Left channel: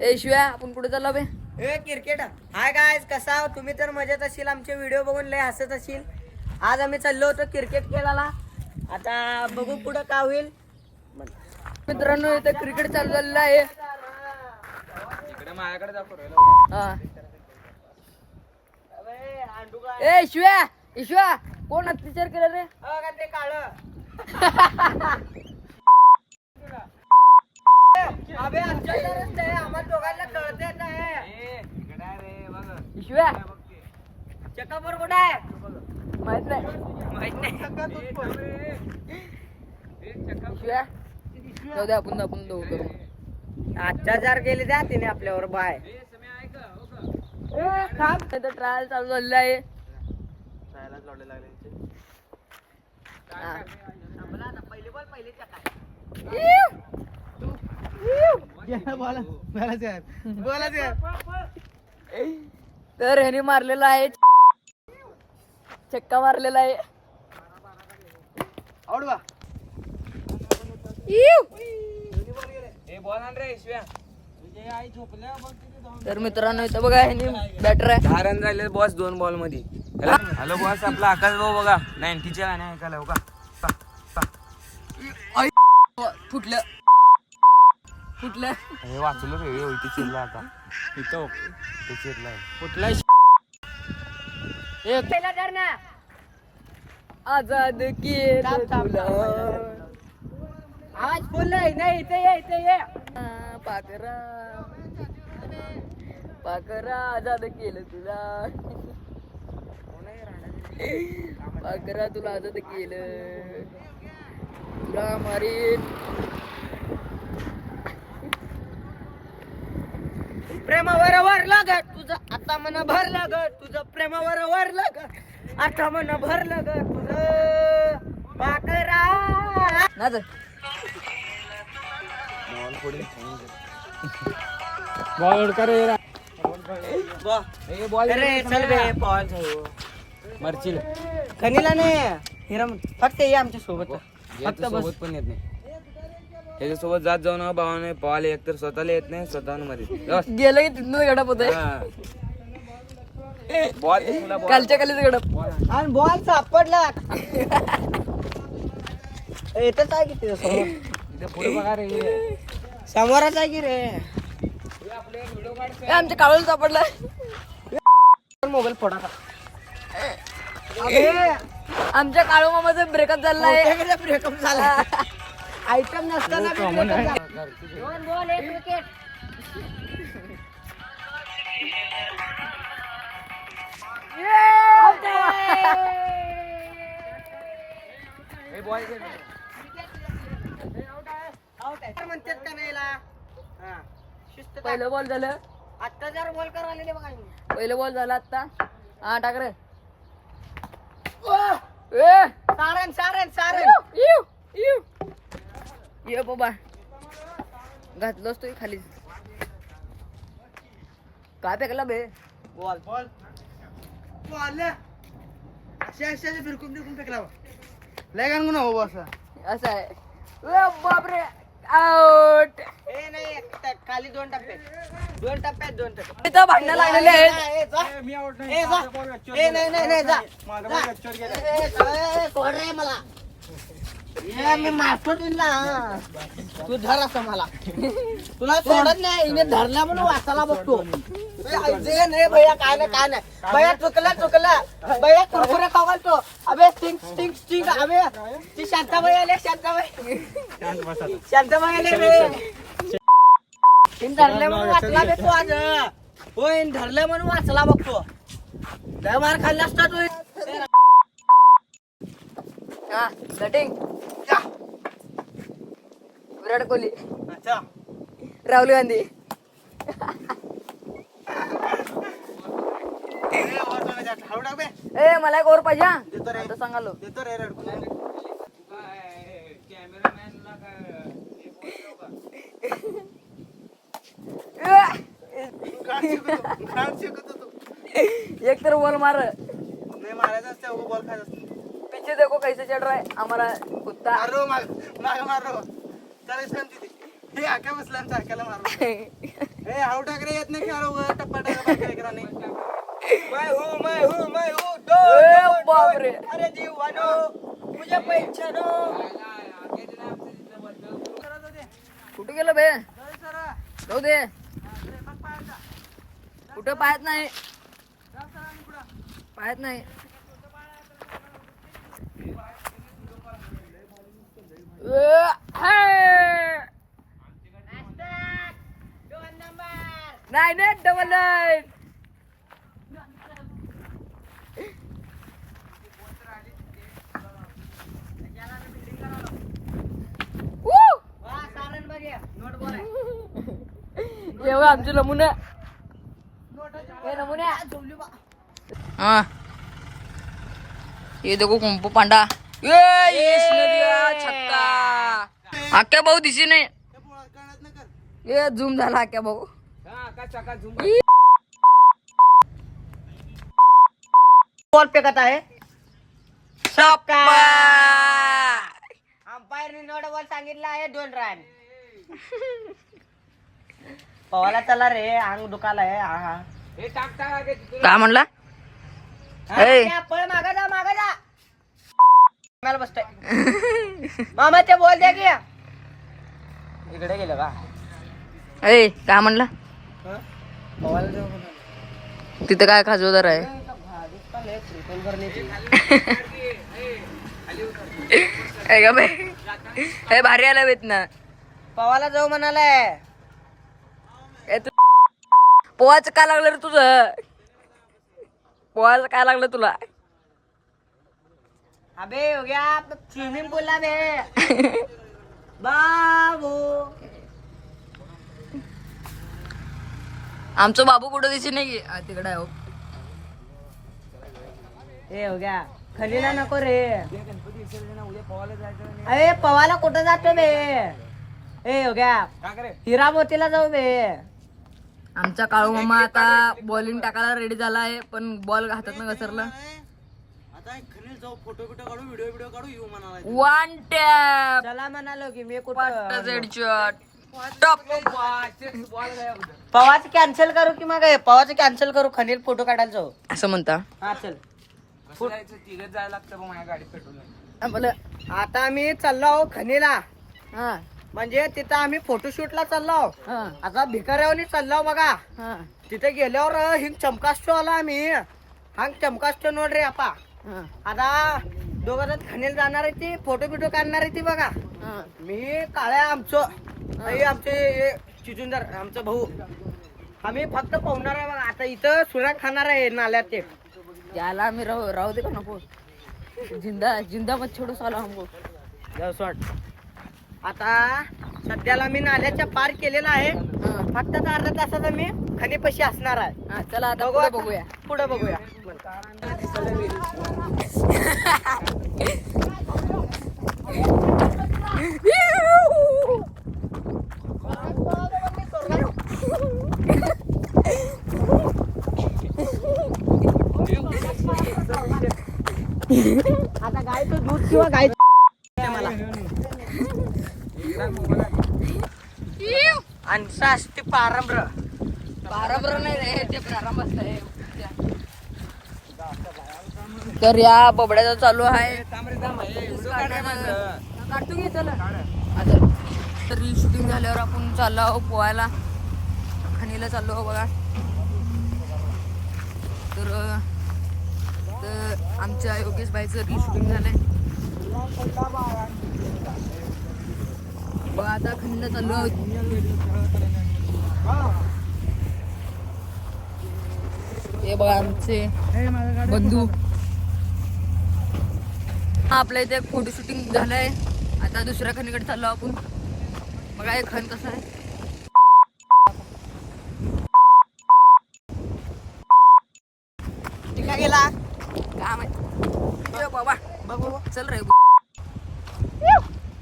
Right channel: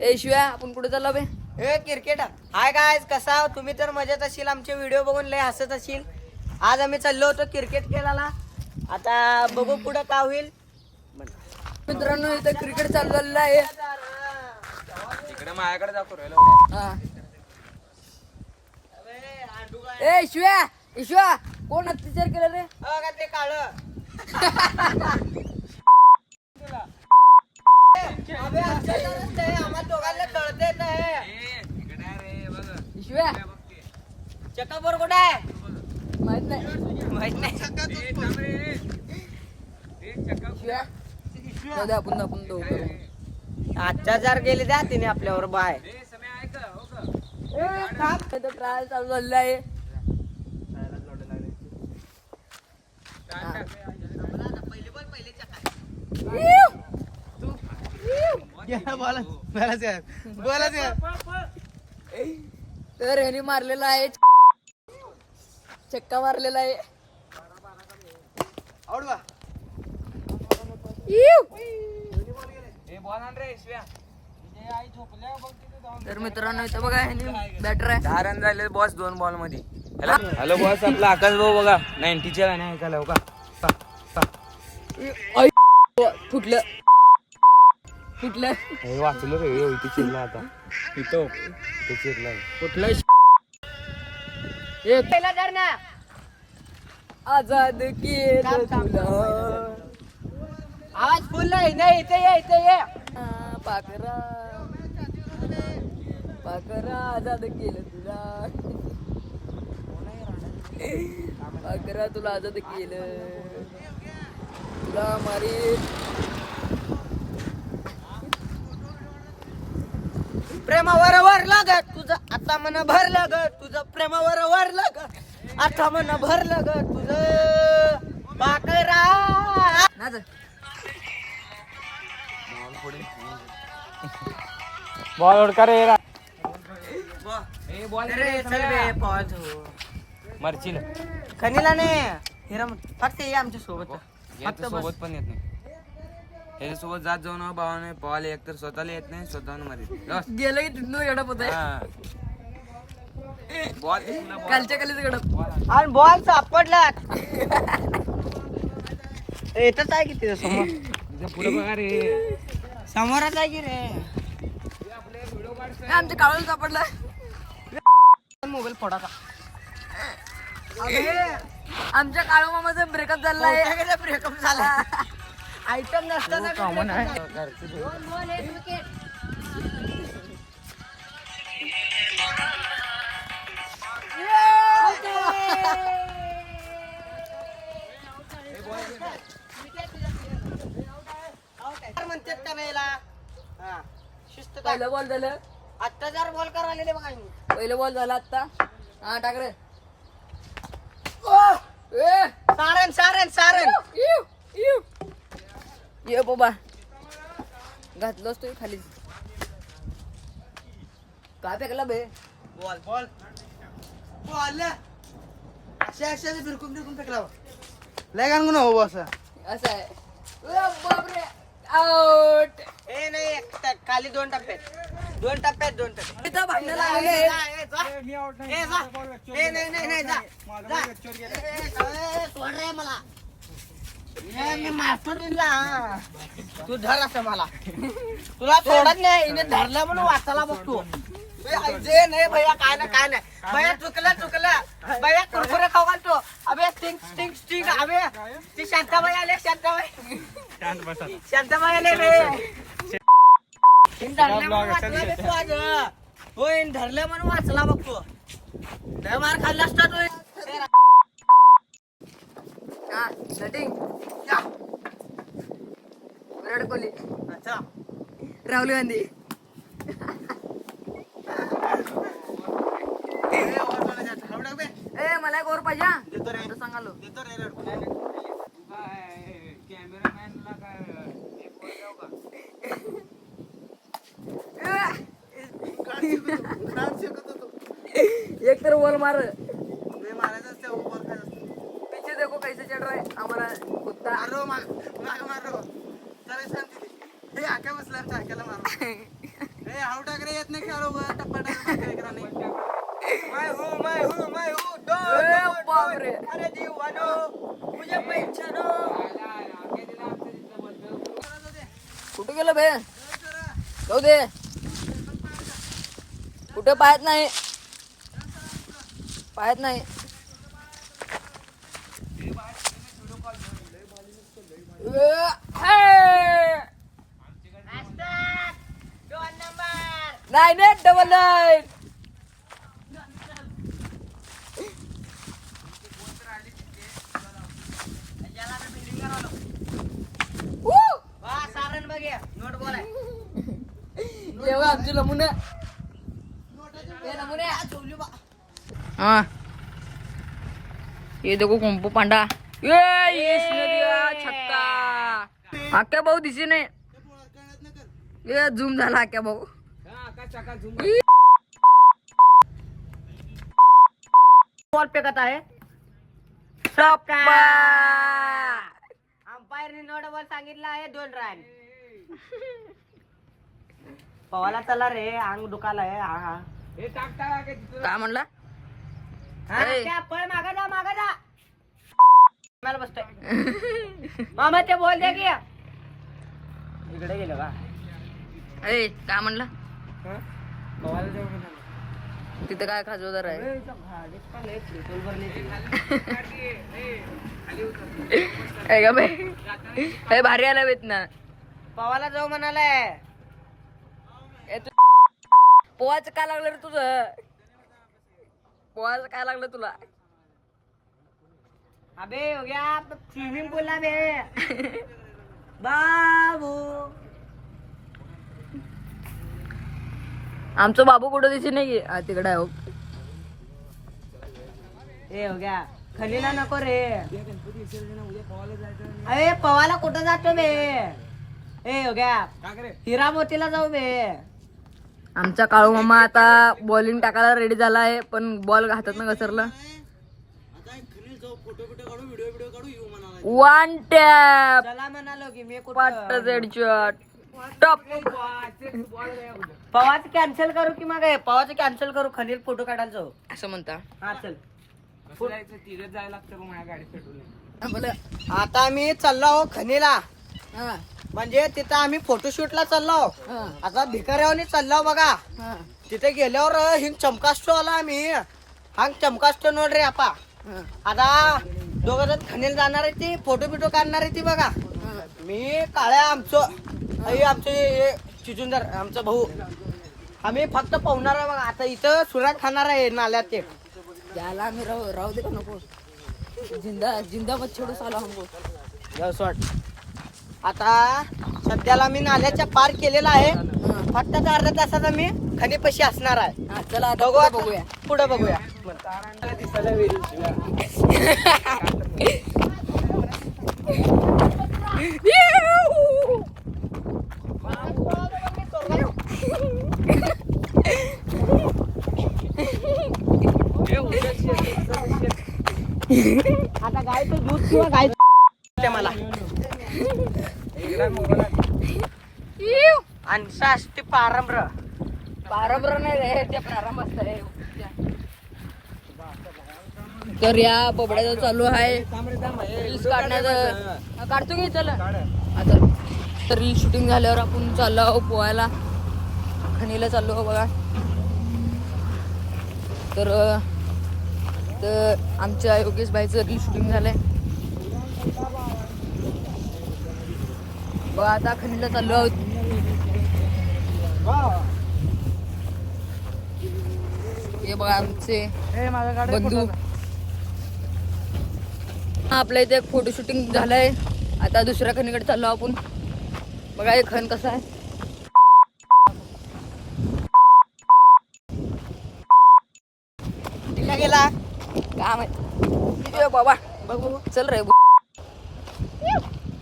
ए शिव्या आपण कुठे चाललो बे? ए क्रिकेट हाय काय कसा तुम्ही तर मजेत असेल, आमचे व्हिडिओ बघून लय हसत असेल. आज आम्ही चाललो होतो क्रिकेट खेळायला. आता बघू पुढे काय होईल. मित्रांनो इथं क्रिकेट चालू झालेलं आहे. इकडे माझ्याकडे जातो रे. हा. ए शिव्या ईश्वा कोण अत्याचार केलं रे? ते काळ आम्हाला दोघांना कळते इकडे रे बघ. ईश्व्या चक्कापूर कुठे आहे माहित नाही. शिव्या जाऊ दे आपण दोघं करू. अत्याचार केले द्या तिने आपल्यावर बाय. इथं ट्रायल चालू झालेलं आहे. हा. तर ह्याने मारलेला आहे, चक्का मारलेला आहे. तर मित्रांनो इथं बघा ह्याने बॅटर आहे. 10 रन झाले बॉस 2 बॉल मध्ये. हॅलो बॉस, आपला आकाश भाऊ बघा 90च्या गाण्या ऐकायला हो का. फुटलं हे वाचलो रे. इथे चिरला आता. इथं चिरलाय फुटलं. आजाद केलं तुला. आवाज फुल नाही. इथे ये पाकरा आजाद केलं तुला. पाकरा तुला आजाद केलं, तुला मारी. प्रेमावर वर लागत तुझं आता मन भर लागत, तुझं प्रेमावर वर लागत आता मन भर लागत तुझं पाकरा. ना तर बॉल ओढका रे. अरे चल बे पॉज हो. मरचिल खनीला नाही हिरा फक्त ये आमच्या सोबत. फक्त बस. सोबत पण येत नाही. ह्याच्या सोबत जात जाऊ ना भावाने. पॉल एक तर स्वतःला येत नाही, स्वतःहून मध्ये गेलं की तिथून गडप होत आहे. बॉल कालच्या कालीच गडप. आणि बॉल सापडला. येतच आहे की तिथं समोर. इथे पुढे बघा रे. समोरच आहे की रे. ए, आमच्या काळूला सापडला. मोबाईल फोडा का. आमच्या काळू मामाचा ब्रेकअप झाला आहे. ब्रेकअप झाला. आयटम नसताना कॉमन आहे. म्हणतात का नाही ला? हा. शिस्त टाक. पहिलं बॉल झालं. अत्याचार बॉल करायला बघा. पहिलं बॉल झाला आता. हा टाक रे. सारण ये बाबा घातलोस तो खाली. काय फेकला बे? बॉल अशा फिरकून फेकला. लय गाणं नको हो असं. असं आहे. ए बापरे आउट. ए नाही खाली 2 टप्प्यात इथं भांडणं लागलेले आहेत. कोण रे मला. मी मारतो तुला. तू धर असं मला. तुला सोडत नाही. हिने धरला म्हणून वाचायला बसतो. नाही भैया काय नाही भैया चुकला भैया कुरकुरे खाऊ घालतो. अबे स्टिंग अबे ती शांताबाई आले. शांताबाई आले बे. धरले म्हणून वाचला बे तू आज. होय धरले म्हणून वाचला बघतो. लय मार खाल्ला असता तू. हा बॅटिंग. विराट कोहली, राहुल गांधी. ए मला एक ओव्हर पाहिजे. आता सांगालो. एक तर बॉल मार. पीछे देखो कैसे चल रहा है हमारा कुत्ता. मारो माग मारो चल इसका हे आके बसला चाकाला मारो. ए हाऊ टाकरे येत नाही का रो टप्पा टाका नाही मैं हूँ ए, बापरे. अरे दीवानो मुझे पहचानो. कुठे गेलं बे जाऊ दे कुठे पाहत नाही नाही डबल नाईन एवढं आमचे नमुने हाँ ये देखो कुंपू पांडा ये इसने दिया छक्का आक्या भाऊ दिसी नाही ये झूम झाला आक्या भाऊ बॉल फेकत आहे शप्पा अंपायरने नोट बॉल सांगितलं आहे 2 रन. पवाला चला रे अंग दुखाला आहे. काय म्हणला ए. पळ मागा जा मला बसतोय मामा ते बॉल द्या की इकडे गेलं का ए काय म्हणला पवाला जाऊ तिथं काय खाजवदार आहे ए ग बे ए भारी आला बेत ना पवाला जाऊ म्हणालाय. ए तू पोहाचं काय लागलं रे तुझं पोहाचं काय लागलं तुला अबे हो गया स्विमिंग पूल ला बे बाबू. आमचं बाबू कुठं दिसे नाही की तिकडे आहे हो. ए हो गया खलीला नको रे अरे पवाला कुठं जातो बे. ए हो गया हिरा मोतीला जाऊ बे. आमचा काळू मामा आता बॉलिंग टाकायला रेडी झाला आहे पण बॉल हातात न घसरला. 1 टॅप चला म्हणालो की मी पाट हेडशॉट टॉप पवाच कॅन्सल करू की मग पवाच कॅन्सल करू खनील फोटो काढायला जाऊ असं म्हणता हा चल. जायला लागतं मग माझ्या गाडीत पेट्रोल नाही. बोला आता मी चाललो खनीला हा म्हणजे तिथं आम्ही फोटोशूटला चाललो. हा आता भिकाऱ्यावनी चाललो बघा. हा तिथे गेल्यावर हिंग चमकास्टो आला आम्ही हा चमकास्टो नोड रे आपा. हा आता दोघं जण खनील जाणार आहे ती फोटो बिटो काढणार आहे ती बघा. हा मी काळ्या आमचं आई आमचे चिचुंदर आमचा भाऊ आम्ही फक्त पाहुणार आहे बघा. आता इथं सुरात खाणार आहे नाल्यात ते याला आम्ही राहू दे का नको जिंदा मत छोडू साला हमको जाऊ सोड. आता सध्याला मी नाल्याच्या पार केलेला आहे. हा फक्त अर्धा तासाचा मी खनीपाशी असणार आहे. हा चला आता पुढं बघूया पुढे बघूया. आता गायचं दूध किंवा गायचं मला आणि शास्ती पारंब्र बरोबर नाही रे ते प्रारंभ असतंय. तर या बोबड्याचा चालू आहे रील्स काढण्याचं. हा, काढतो की चला तर रील शूटिंग झाल्यावर आपण चाललो आहो पोहायला खणीला चाललो आहो बघा. तर आमच्या योगेश भाईचं रील शूटिंग झालंय बघा. आता खणीला चाललो आहोत. हे बघा आमचे बंधू. आपल्या इथे एक फोटो शूटिंग झालंय. आता दुसऱ्या खणीकडे चाललो आपण बघा. हे खण कसं आहे तिका गेला काय माहिती बाबा. बघ बघ चल रे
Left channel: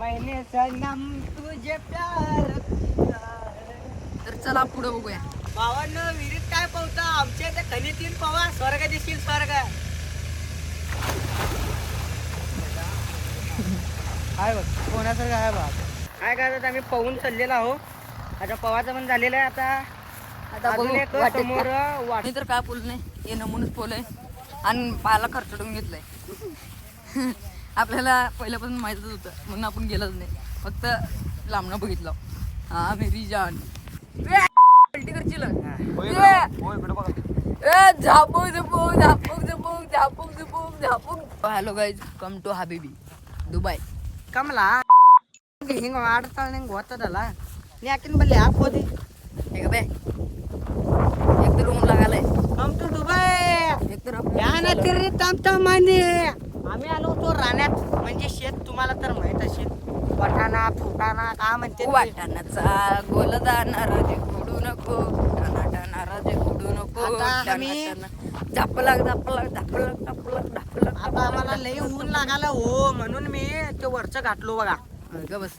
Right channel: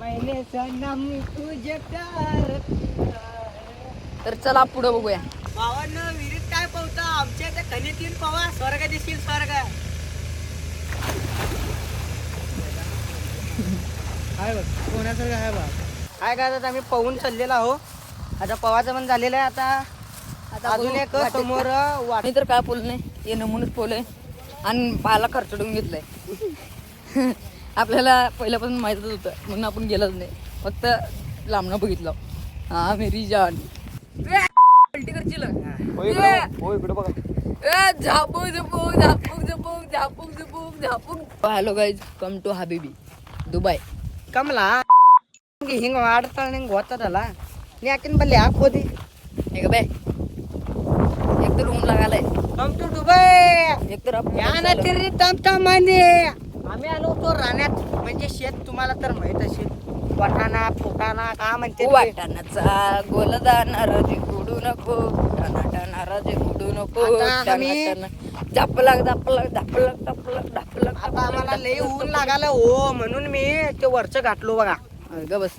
मैंने सनम तुझे प्यार. तर चला पुढे बघूया. भावांनो विहिरीत काय पावता आमच्या इथे खनितील पवा स्वर्ग दिसतील स्वर्ग. आहे बघ कोणासारखं आहे बघ. काय काय आम्ही पवून चाललेला आहो. आता पवाचं पण झालेलं आहे. आता आता अजून बघू एक वाटेत समोर का. मी तर काय बोल नाही ते नमुनच पोलय आणि पायाला खर्चडून घेतलंय. आपल्याला पहिल्यापासून माहितच होतं म्हणून आपण गेलोच नाही, फक्त लांबणं बघितलं. हा मेरी जान पलटी करशील Zapuk Jhupuk Zapuk Jhupuk Zapuk Jhupuk Zapuk. Hello guys, come to हबीबी दुबई. कमला ಹಿಂಗ ಆಡ್ತಾಳ ನಿಂಗೆ ಗೊತ್ತದಲ್ಲ ನೀ ಯಾಕಿನ ಬಲ್ಲಿ ಯಾಕೆ ಹೋದಿ हे ग बे एक तर ऊन लागायलाय, कम टू दुबई एक तर आपण या ना तिरी तमतमाने आम्ही आलो होतो राण्यात म्हणजे शेत तुम्हाला तर माहित असेल वाटाणा फुटाणा का म्हणते ते? वाटाणाचा गोलदाना राजे उडू नको, टाना टाना राजे उडू नको, आता आम्ही- झापलक झापलक झापलक झापलक झापलक. आता आम्हाला लई ऊन लागायला हो म्हणून मी ते वरचं घातलो बघा ग बस.